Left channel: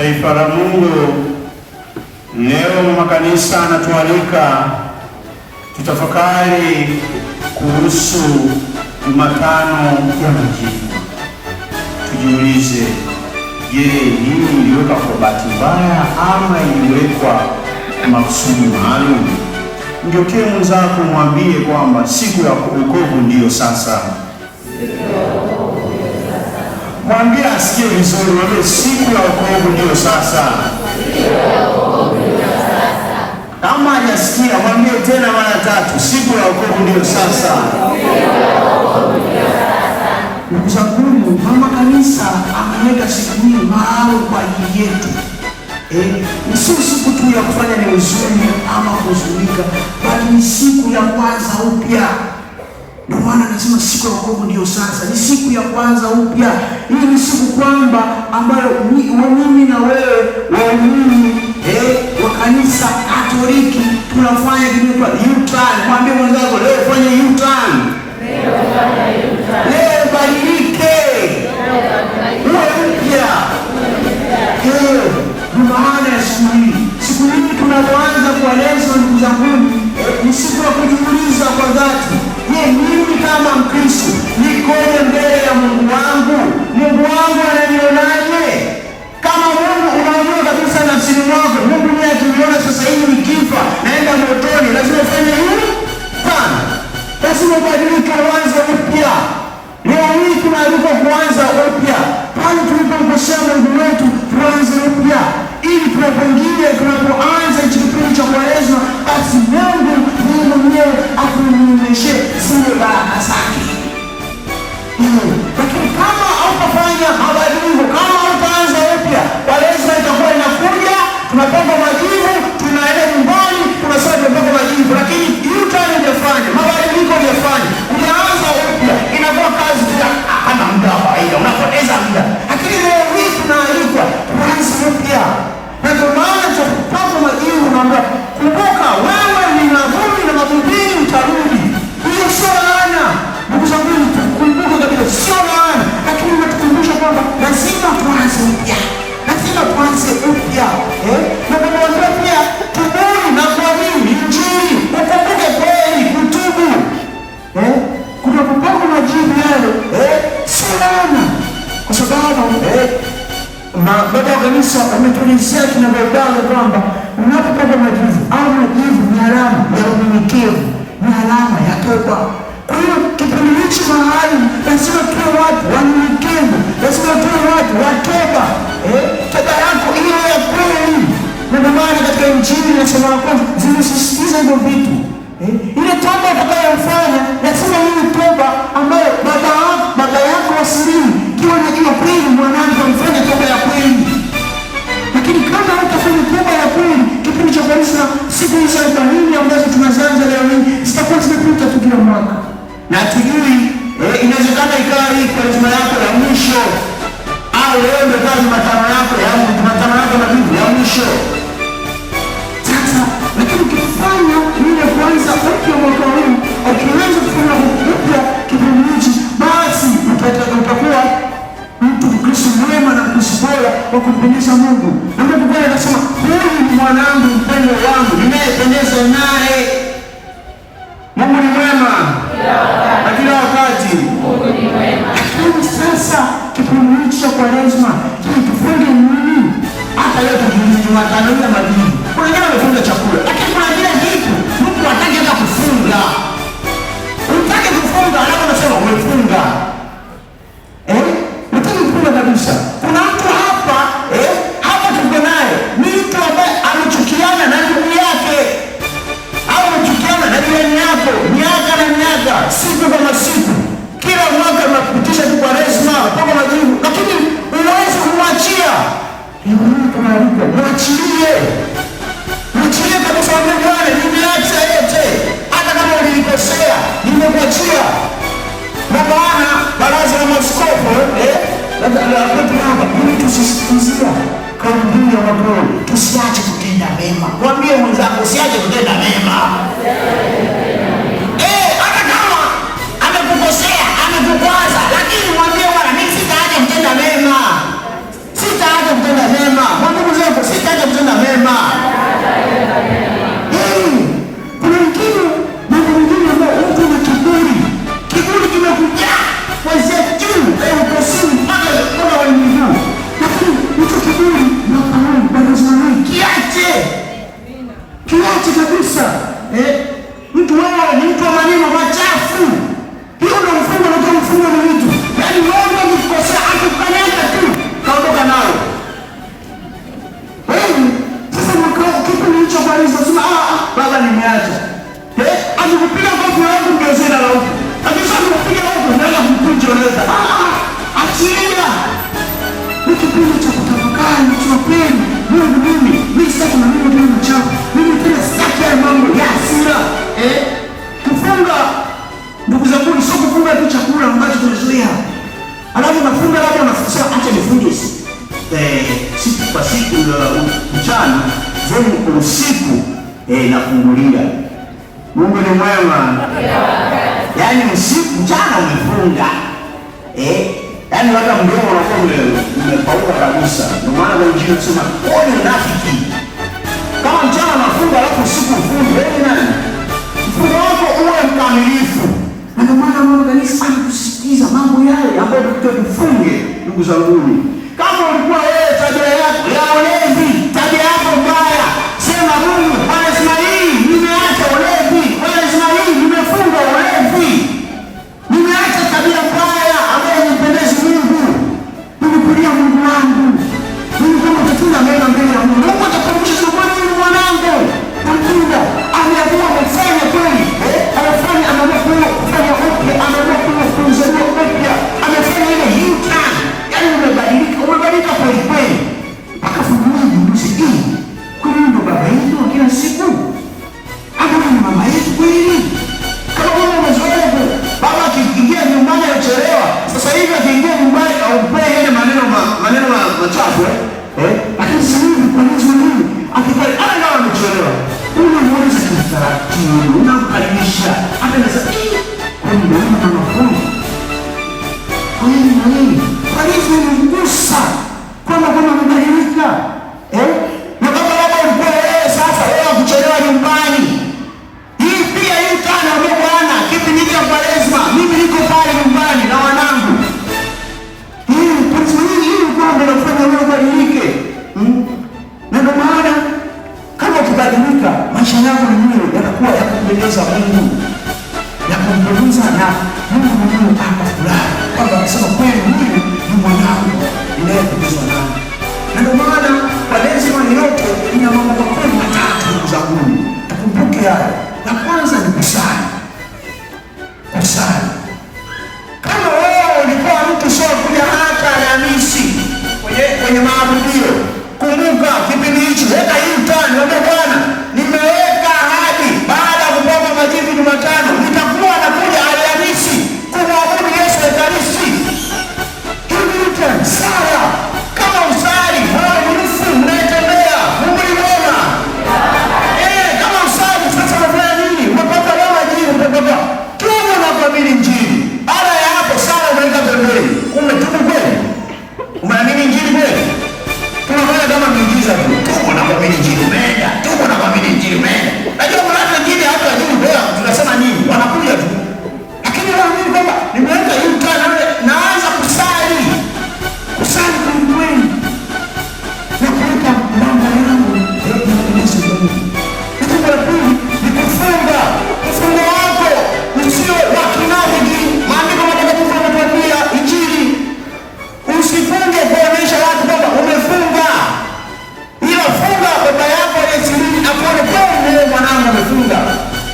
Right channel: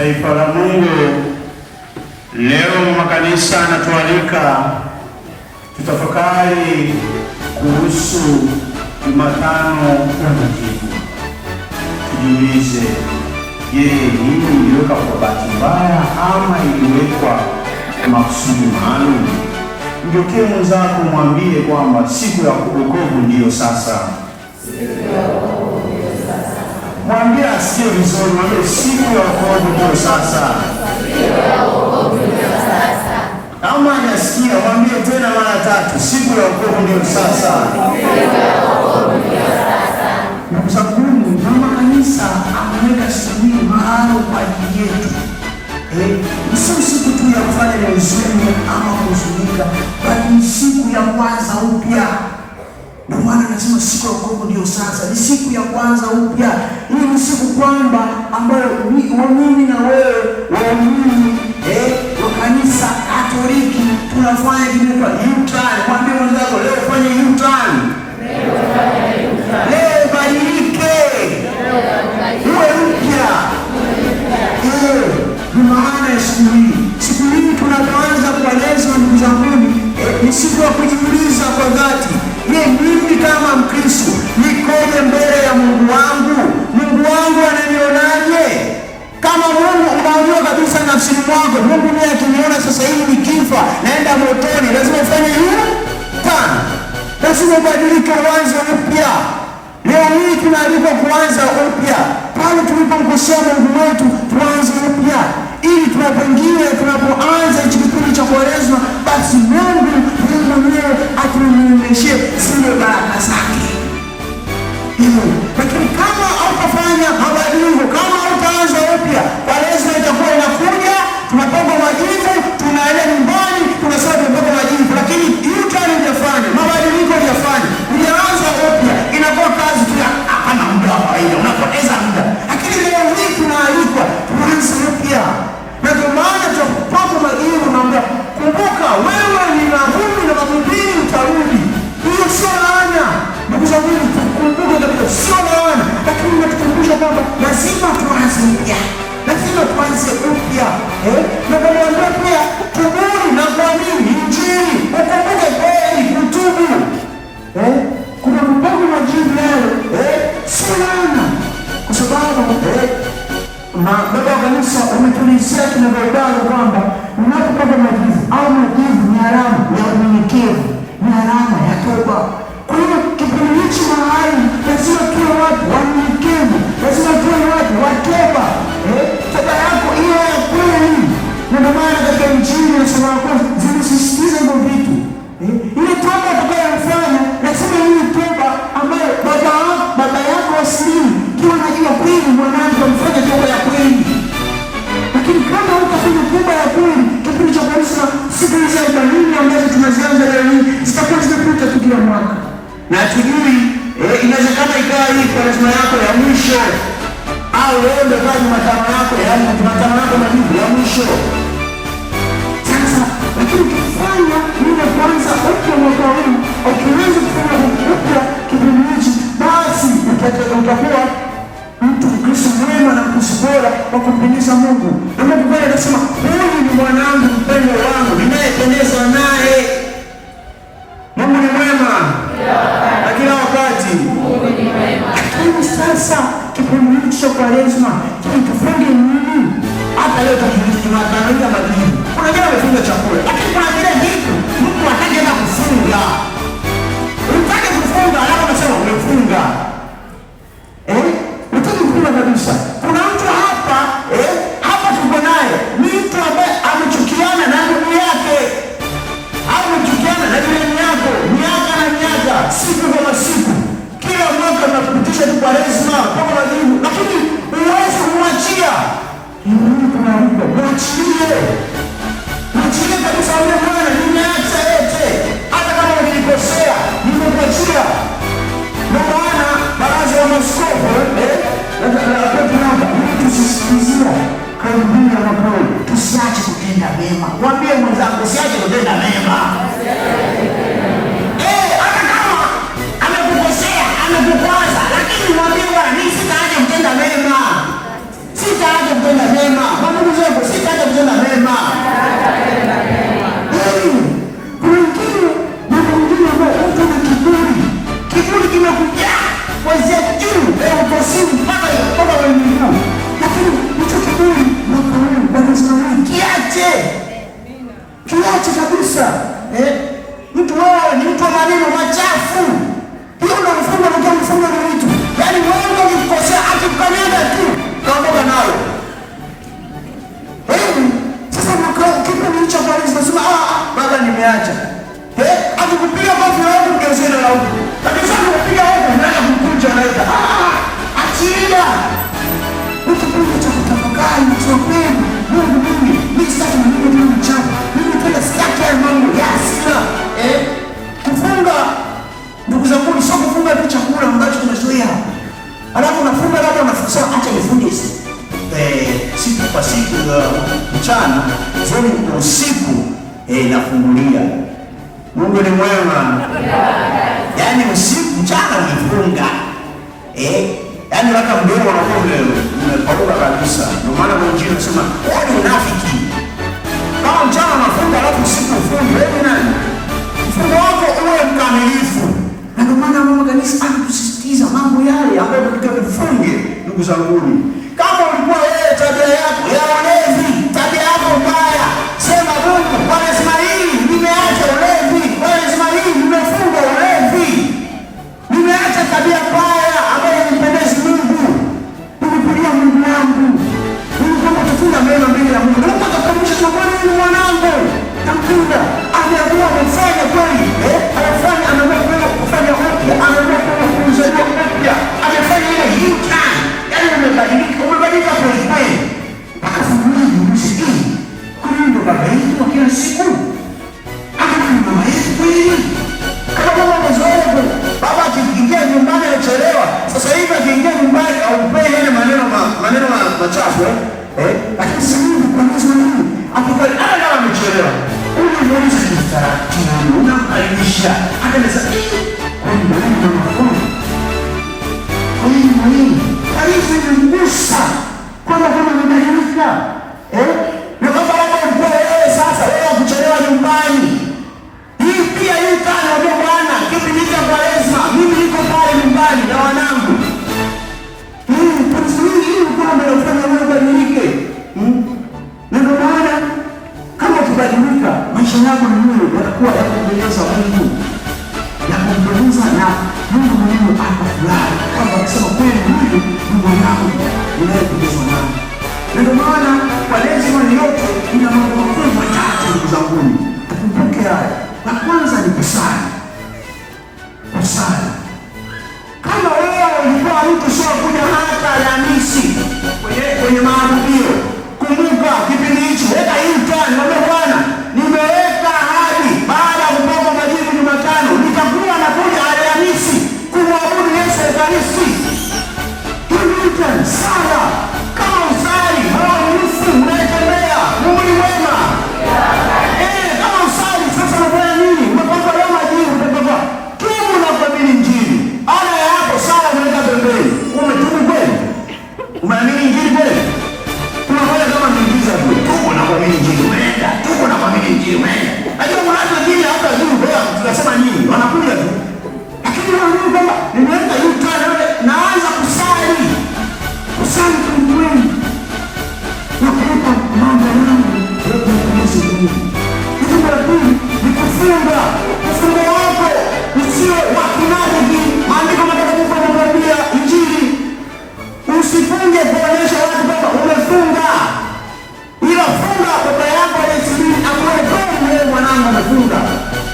Taifa la Mungu, leo mama kanisa anatualika tutafakari kuhusu Jumatano ya Majivu. Tujiulize, je, hii iliwekwa kwa bahati mbaya ama iliwekwa makusudi maalum? Mgeukie mwenzako mwambie kwamba siku ya wokovu ndiyo sasa. Mwambie asikie vizuri, mwambie siku ya wokovu ndiyo sasa. Ama hajasikia, mwambie tena mara tatu, siku ya wokovu ndiyo sasa. Ndugu zangu, mama kanisa ameweka siku hii maalum kwa ajili yetu. Sio siku tu ya kufanya ni huzuni ama kuhuzunika, bali ni siku ya kwanza upya. Ndio maana nasema siku ya wokovu ndio sasa, ni siku ya kwanza upya. Hii ni siku kwamba ambayo mimi na wewe waumini wa kanisa Katoliki tunafanya kinaitwa U-turn. Mwambie mwenzako leo fanye U-turn. Leo badilike. Uwe mpya. Ni maana ya siku hii. Siku hii tunapoanza kueleza ndugu zangu, ni siku ya kujiuliza kwa dhati. Mimi kama Mkristo nikoje mbele ya Mungu wangu? Mungu wangu ananionaje? Kama Mungu unaona kabisa nafsini mwako, Mungu ndiye akiniona sasa hivi nikifa naenda motoni, lazima ufanye hivi tena. Lazima ubadilike, uanze upya. Leo hii tunaalikwa kuanza upya. Pale tulipomkosea Mungu wetu, tuanze upya. Ili tunapoanza kipindi cha Kwaresma, basi Mungu mwenyewe atuonyeshe zile baraka zake. Lakini kama hautafanya mabadiliko, kama hautaanza upya, Kwaresma itakuwa inakuja, tunapanga majivu, tunaenda nyumbani, tunasema tunapanga majivu, lakini U-turn hujafanya, mabadiliko hujafanya, unaanza upya, inakuwa kazi tu hapana muda wa faida, unapoteza muda. Lakini leo hii tunaalikwa tuanze upya. Na ndio maana tunapata majivu na kumbuka, wewe ni vumbi na mavumbini utarudi. Hiyo sio laana. Ndugu zangu, tukumbuke kabisa sio laana, lakini natukumbusha kwamba lazima tuanze upya. Lazima tuanze upya. Na kumwambia pia tubuni na kuamini Injili. Ukumbuke kweli kutubu. Kuna kupanga majivu yale. Sio laana. Kwa sababu baba wa kanisa umetuelezea kinagaubaga kwamba unapopata majivu au majivu ni alama ya unyenyekevu, ni alama ya toba. Kwa hiyo kipindi hichi mahali lazima tuwe watu wanyenyekevu, lazima tuwe watu wa toba. Toba yako hiyo ya kweli. Na ndio maana katika Injili na somo la kwanza zinasisitiza hivyo vitu. Ile toba utakayofanya lazima iwe toba ambayo baba yako asili kiwa najua kweli mwanangu amfanya toba ya kweli. Lakini kama utafanya toba ya kweli, kipindi cha Kwaresma, siku hizi 40 ambazo tunazianza leo hii zitakuwa zimepita tu kila mwaka. Na tujui inawezekana ikawa hii Kwaresma yako ya mwisho, au leo ndio kama Jumatano yako ya mwisho. Sasa lakini ukifanya ile kwanza upya mwaka huu, ukiweza kufanya upya kipindi hichi, basi utakuwa mtu Mkristo mwema na Mkristo bora wa kumpendeza Mungu. Na Mungu pale anasema, huyu ni mwanangu mpendwa wangu ninayependezwa naye. Mungu ni mwema na kila wakati. Mungu ni mwema. Lakini sasa kipindi hichi cha Kwaresma tufunge nini? Hata leo tukijiuliza Jumatano ya Majivu, kuna wengine wamefunga chakula, lakini kuna vile vitu Mungu hataki hata kufunga. Unataka kufunga alafu unasema umefunga. Kabisa. Kuna mtu hapa tuko naye, ni mtu ambaye amechukiana na ndugu yake au amechukiana na jirani yako miaka na miaka, siku kama siku, kila mwaka unakupitisha tu Kwaresma mpaka Majivu, lakini unaweza kumwachia. Mwachilie kabisa, yule bwana, nimeacha yote, hata kama nilikosea nimekuachia. Na maana baraza la maaskofu tusisizia karibuni ya mapoli, tusiache kutenda mema. Mwambie mwenzako usiache kutenda mema. Hata kama amekukosea, amekukwaza, lakini mwambie bwana, mimi sitaacha kutenda mema. Sitaacha kutenda mema. tofauti kabisa. Mtu wewe ni mtu wa maneno machafu. Hiyo ndio mfungo ndio mfungo ni mtu. Yaani wewe ukikosea akukanyaga tu kaondoka nalo. Sasa mkao kitu nilichofanya sasa baada nimeacha. Akikupiga kofi yako ndio zina la huko. Kabisa kupiga huko unaenda kumkunja unaita. Achia. Ukipenda cha kutafakari mchopeni. Mungu mimi sitaki maneno mengi mchafu. Mimi pia sitaki mambo ya hasira. Kufunga ndugu zangu sio kufunga tu chakula ambacho tunazoea. Alafu nafunga labda unasema acha nifunge siku kwa siku mchana, zoni usiku nafungulia. Mungu ni mwema. Yaani usiku mchana umefunga. Yaani hata mdomo unakuwa umepauka kabisa. Ndio maana wengine wanasema ni unafiki. Kama mchana unafunga alafu usiku ufunge, wewe nani? Mfungo wako uwe mkamilifu. Na ndio maana Mungu kanisa anatusisitiza mambo yale ambayo tutafunge, ndugu zangu. Kama ulikuwa wewe tabia yako ya ulevi, tabia yako mbaya, sema Mungu, anasema hii nimeacha ulevi, anasema hii nimefunga ulevi. Nimeacha tabia mbaya ambayo inipendezi Mungu. Nimekulia Mungu wangu. Mungu kama tutunda mema mbele ya Mungu. Mungu atakumbusha sokoni ni mwanangu. Namkunda, ameamua kufanya kweli. Anafanya anaamua kufanya upya, anaamua kuzaliwa upya. Amefanya ile hita. Yaani umebadilika kwa kweli. Akafungulia jiulize, kwani ndo baba yetu wa kila siku? Kama ni mama yetu kweli? Kama mama amezoea baba akiingia nyumbani anachelewa. Sasa hivi akiingia nyumbani au pele ile maneno machafu lakini si mimi kwa nini akifanya kama amechelewa. Unauliza kitaratibu, unamkaribisha. Hata nasema kwa nini mama wangu? Kanisa inajigusa kama amebadilika. Na baba yako alikuwa sasa wewe kuchelewa nyumbani. Hii pia hii kana Bwana kipi nika Kwaresma, mimi niko pale nyumbani na wanangu. Hii kwamba nafanya mambo badilike. Ndio maana kama tukadilika maisha yako mwenyewe yatakuwa ya kupendeza Mungu. Ya kumpendeza na Mungu mwenyewe akafurahi. Kama anasema kweli huyu ni mwanangu unayependezwa naye. Ndio maana Kwaresma yote ina mambo matatu ndugu zangu. Tukumbuke haya. La kwanza ni kusali. Kusali. Kama wewe ulikuwa mtu sio kuja hata Alhamisi kwenye maabudio, kumbuka kipindi hicho, weka hii utani, mwambie Bwana, nimeweka ahadi baada ya kupokea majivu Jumatano, nitakuwa nakuja Alhamisi kumwabudu Yesu Ekaristi. Hii utani sala. Kama usali, ni nusu unaitembea. Mungu ni mwema. Kama usali sasa unafanya nini? Unapata lama jini, unapata tubu na kuamini Injili. Baada ya hapo sala unaenda pembeni. Umetubu kweli? Umeamini Injili kweli? Tunafanya kama miujiza tu. Tubu na kuamini Injili umeenda. Tubu na kuamini Injili umeenda. Najua kuna watu wengine hata juu bora tunasema nini? Wanakuja tu. Lakini wanaamini kwamba nimeweka hii tana naanza kusali. Kusali kwa Mungu. Na kuweka mambo yangu kwa Yesu Mungu. Kitu cha pili ni kufunga. Kufunga wako usio wa kinafiki. Maandiko matakatifu yanatuambia Injili, usifunge kuonyesha watu kwamba umefunga. Ila funga baba yako aliyesiri akuone kweli wewe mwanangu umefunga.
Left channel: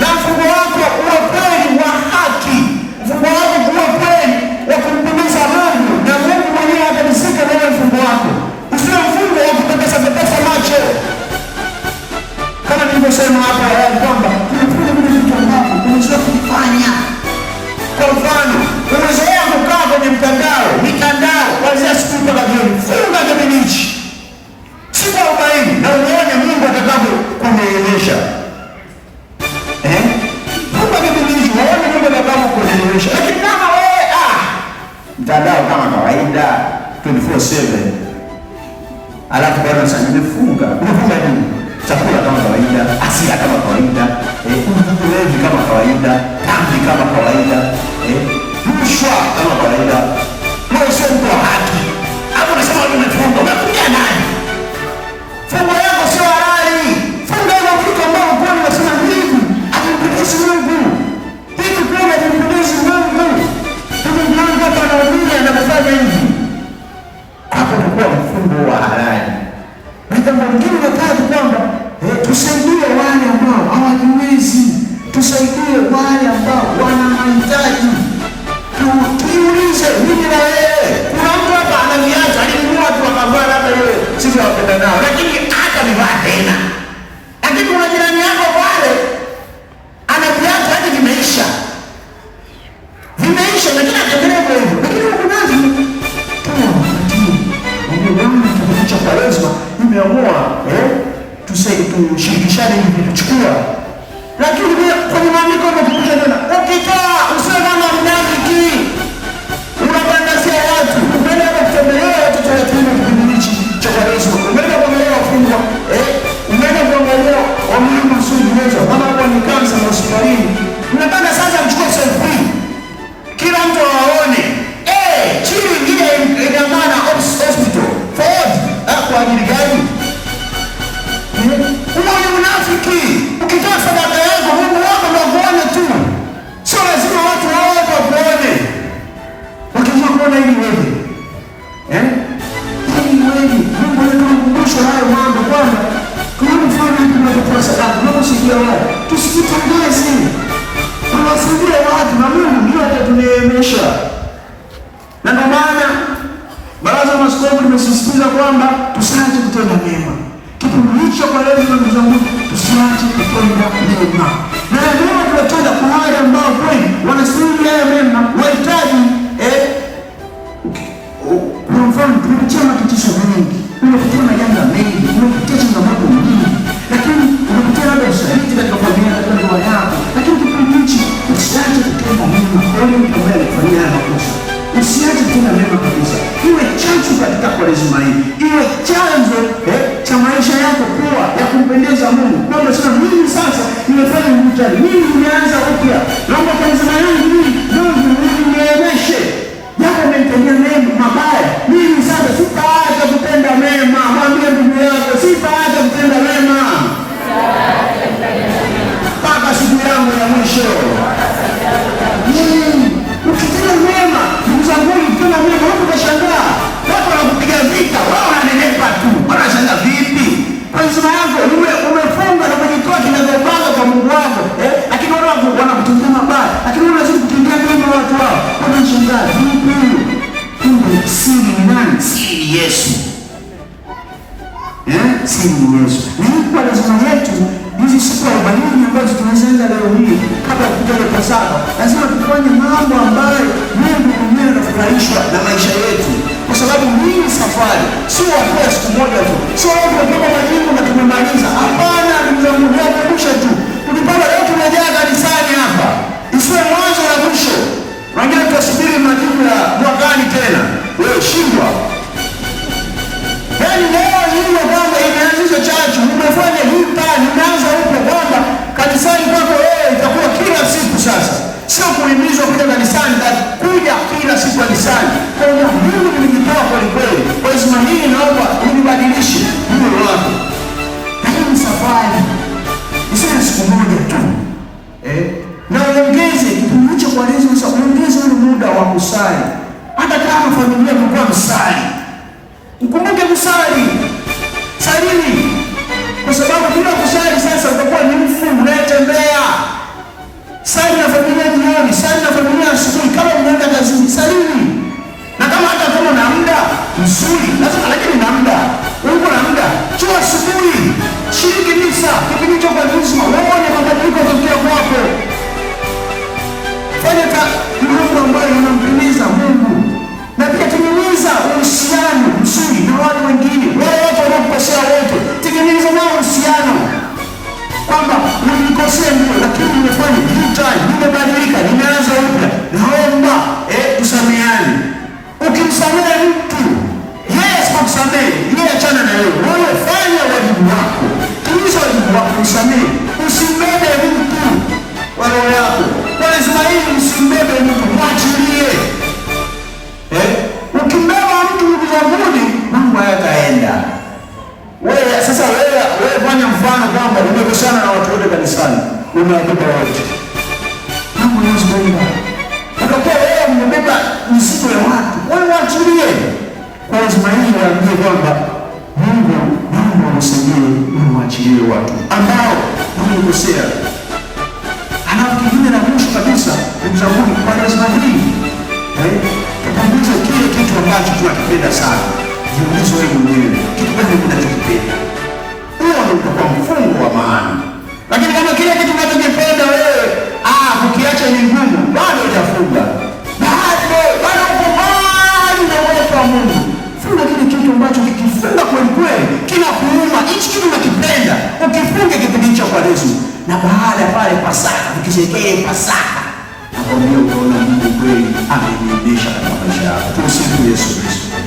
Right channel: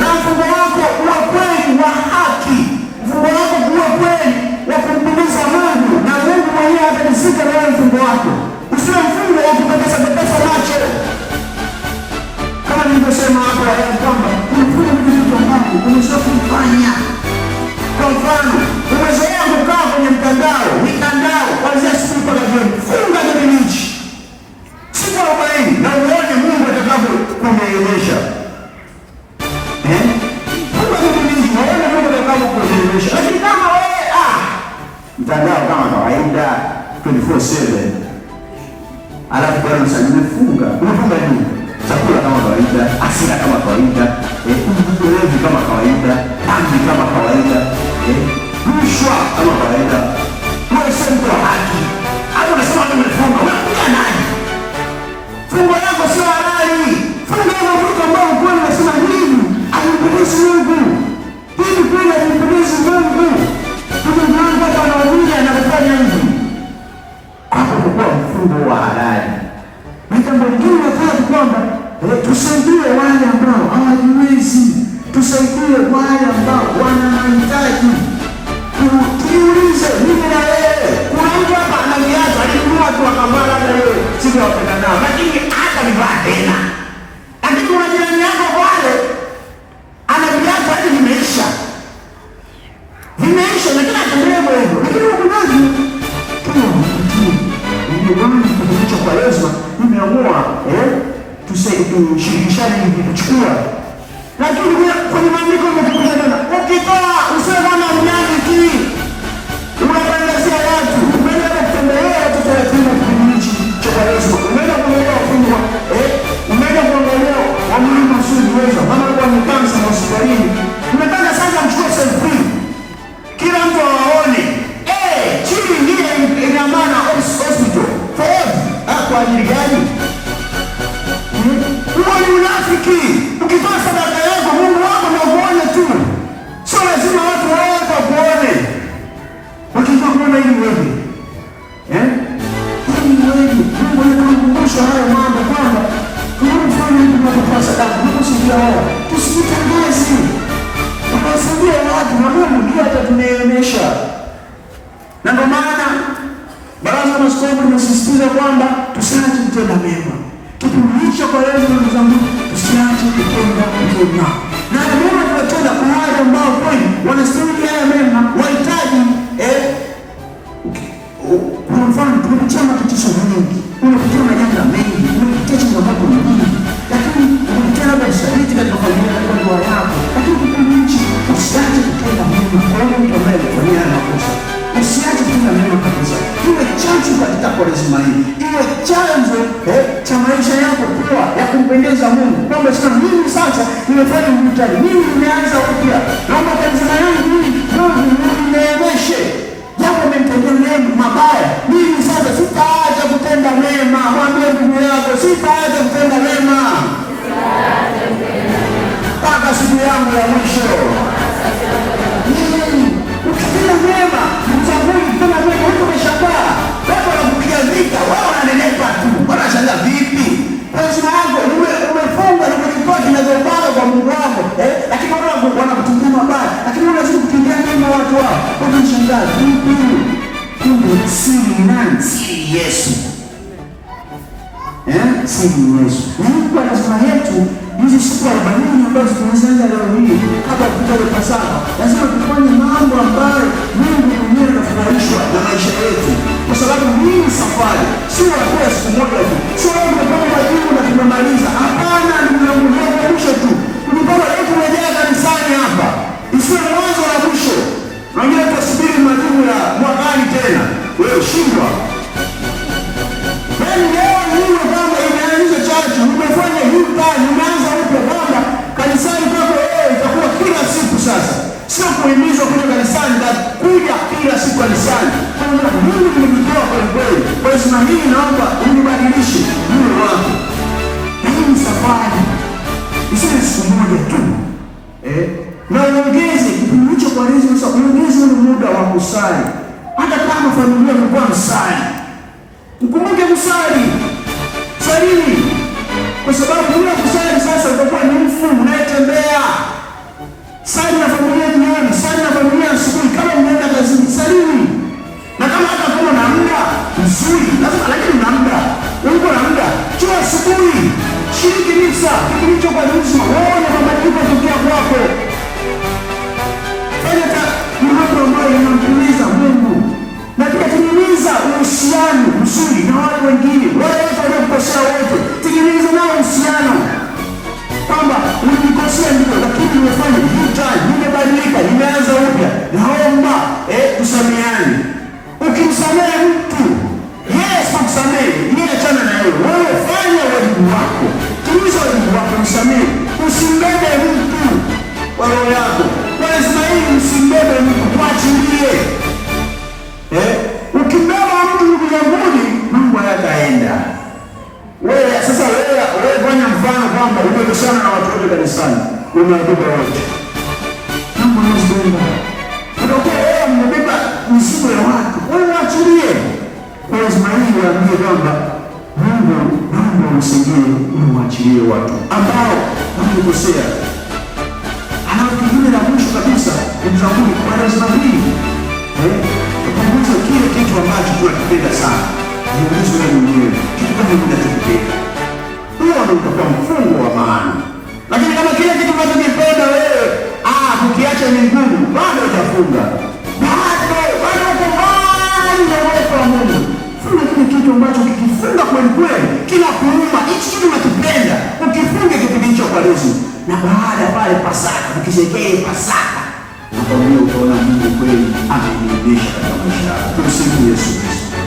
Na mfungo wako uwe kweli wa haki. Mfungo wako uwe kweli wa kumpendeza Mungu. Na Mungu mwenyewe atanisika na wewe mfungo wako. Usiwe mfungo wa kupepesa macho. Kama nilivyosema hapo awali kwamba unafunga vitu ambavyo umezoea kufanya. Kwa mfano, umezoea kukaa kwenye mitandao kuanzia siku mpaka jioni. Funga kipindi hichi. Siku 40 na uone Mungu atakavyo kuneemesha. Funga kipindi hichi, uone Mungu atakavyo kuneemesha. Lakini kama wewe mtandao kama kawaida 24/7. Alafu bado sasa nimefunga. Unafunga nini? Chakula kama kawaida, asira kama kawaida, ulevi kama kawaida, dhambi kama kawaida, rushwa kama kawaida. Wewe sio mtu wa haki. Hapo unasema umefunga, unakuja nani? Funga yako sio halali. Funga ile vitu ambavyo ambao labda leo siku ya kupenda nao, lakini hata vivaa tena. Lakini kuna jirani yako pale ana viatu hadi vimeisha, lakini ataendelea hivyo. Lakini huko nazi cha Kwaresma nimeamua tushirikishane hivi tuchukua. Lakini kwenye maandiko yamekuja tena, ukitoa usiwe kama mnafiki unawatangazia watu. Umeenda kutembelea watoto yatima kipindi hichi cha Kwaresma, umeenda kuangalia wafungwa, umeenda kuangalia wamama wasiojiweza, kama labda ni kansa na hospitalini, unataka sasa mchukue selfie kila mtu awaone chini ile amana hospital for kwa ajili gani? Huo ni unafiki. Ukitoa sadaka yako Mungu wako ndio kuone tu, sio lazima watu wote wakuone. Wakijua kuona ili wewe Mungu anakumbusha hayo mambo kwamba tunafanya tunatoa sadaka, tunasaidia watu, tusijitangaze, tunasaidia watu na Mungu ndio atatuneemesha. Na ndio maana Baraza la Maaskofu limesisitiza kwamba tusiache kutenda mema. Kipindi hicho kwa leo ndugu zangu, tusiache kutenda mema. Na mema tunatenda kwa wale ambao kweli wanastahili haya mema, wahitaji kwa mfano tunapitia matatizo mengi, tunapitia majanga mengi, tunapitia changamoto nyingi, lakini unapitia labda usaliti katika familia yako, ndoa yako, lakini kipindi hichi usiache kutenda mema. Kwa hiyo mtu ambaye alifanyia haya makosa usiache kutenda mema kabisa. Iwe chanzo katika Kwaresma hii, iwe chanzo cha maisha yako kuwa ya kumpendeza Mungu, kwamba sasa mimi sasa nimefanya mtihani, mimi nimeanza upya, naomba Kwaresma hii Mungu nineemeshe. Jambo umenitendea mema mabaya, mimi sasa sitaacha kutenda mema. Mwambie ndugu yako, sitaacha kutenda mema mpaka siku yangu ya mwisho. Ukitenda mema, ndugu zangu, ukitenda mema, watu wanashangaa, watu wanakupiga vita, wao wananenepa tu, wanashangaa vipi? Kwaresma yako umefunga na umejitoa kinagaubaga kwa Mungu wako, lakini wao wanakutendea mabaya, lakini wao wanazidi kutendea mema watu wao, wanashangaa vipi? Kumbe siri nani? Siri Yesu. Siri Yesu. Na hii Kwaresma yetu hizi siku 40 ambazo tunaanza leo hii kabla ya kuja Pasaka, lazima tufanye mambo ambayo Mungu mwenyewe anafurahishwa na maisha yetu, kwa sababu hii safari sio hatua ya siku moja tu, sio tunatoka majibu na tumemaliza. Hapana, ni mwisho tu. Tukipata leo tumejaa kanisani hapa, isiwe mwanzo na mwisho. Naongea tutasubiri majibu ya mwakani tena, wewe shindwa. Yaani leo hiyo kwamba imeanzisha chachu, umefanya hii plani, umeanza upya kwamba kanisani kwako wewe itakuwa kila siku sasa. Sio kuhimizwa kuja kanisani, kuja kila siku kanisani. Kwa hiyo Mungu nimejitoa kwa kweli. Kwaresma hii naomba unibadilishe moyo wako. Na hii ni safari. Isiwe siku moja tu. Na uongeze kipindi hicho Kwaresma, uongeze ule muda wa kusali. Hata kama familia mlikuwa msali, mkumbuke kusali. Salini. Kwa sababu bila kusali sasa utakuwa ni mfu unayetembea. Sali na familia jioni, sali na familia asubuhi, kama mnaenda kazini, salini. Na kama hata kama na muda mzuri, lazima lakini na muda. Uko na muda, chua asubuhi, shiriki misa, kipindi cha Kwaresma, uone mabadiliko kutokea kwako. Fanya mambo ambayo yanampendeza Mungu. Na pia tengeneza uhusiano mzuri na wale wengine, wale wote wanaokosea wote, tengeneza nao uhusiano kwamba nilikosea ndio, lakini nimefanya U-turn, nimebadilika, nimeanza upya, naomba tusameane. Ukimsamehe mtu, yeye asipokusamehe, yeye achana na yeye. Wewe fanya wajibu wako, timiza wajibu wako, msamehe. Usimbebe mtu wa roho yako. Kwaresma hii usimbebe mtu, mwachilie. Ukimbeba mtu mbinguni, Mungu hayataenda. Wewe sasa wewe fanya mfano kwamba umekosana na watu wote kanisani, umewabeba wote. Mungu anazungumza. Ndio wewe umebeba mizigo ya watu. Wewe waachilie. Kwaresma hii waambie kwamba Mungu amsaidie, waachilie watu ambao wamekosea. Halafu kingine na mwisho kabisa, ndugu zangu, Kwaresma hii tupunguze kile kitu ambacho tunakipenda sana. Jiulize wewe mwenyewe, kitu gani unachokipenda? Huo utakuwa mfungo wa maana. Lakini kama kile kitu unachokipenda wewe, ukiacha ni ngumu, bado utafunga. Bado uko mbali na uwepo wa Mungu. Funga kile kitu ambacho kikifunga kweli kweli, kinakuuma, hichi kitu unakipenda. Ukifunga kitu hicho kwa Yesu. Na baada ya pale Pasaka, ukisherehekea Pasaka, nakwambia utaona Mungu kweli amenionyesha katika maisha yako. Tumsifu Yesu Kristo.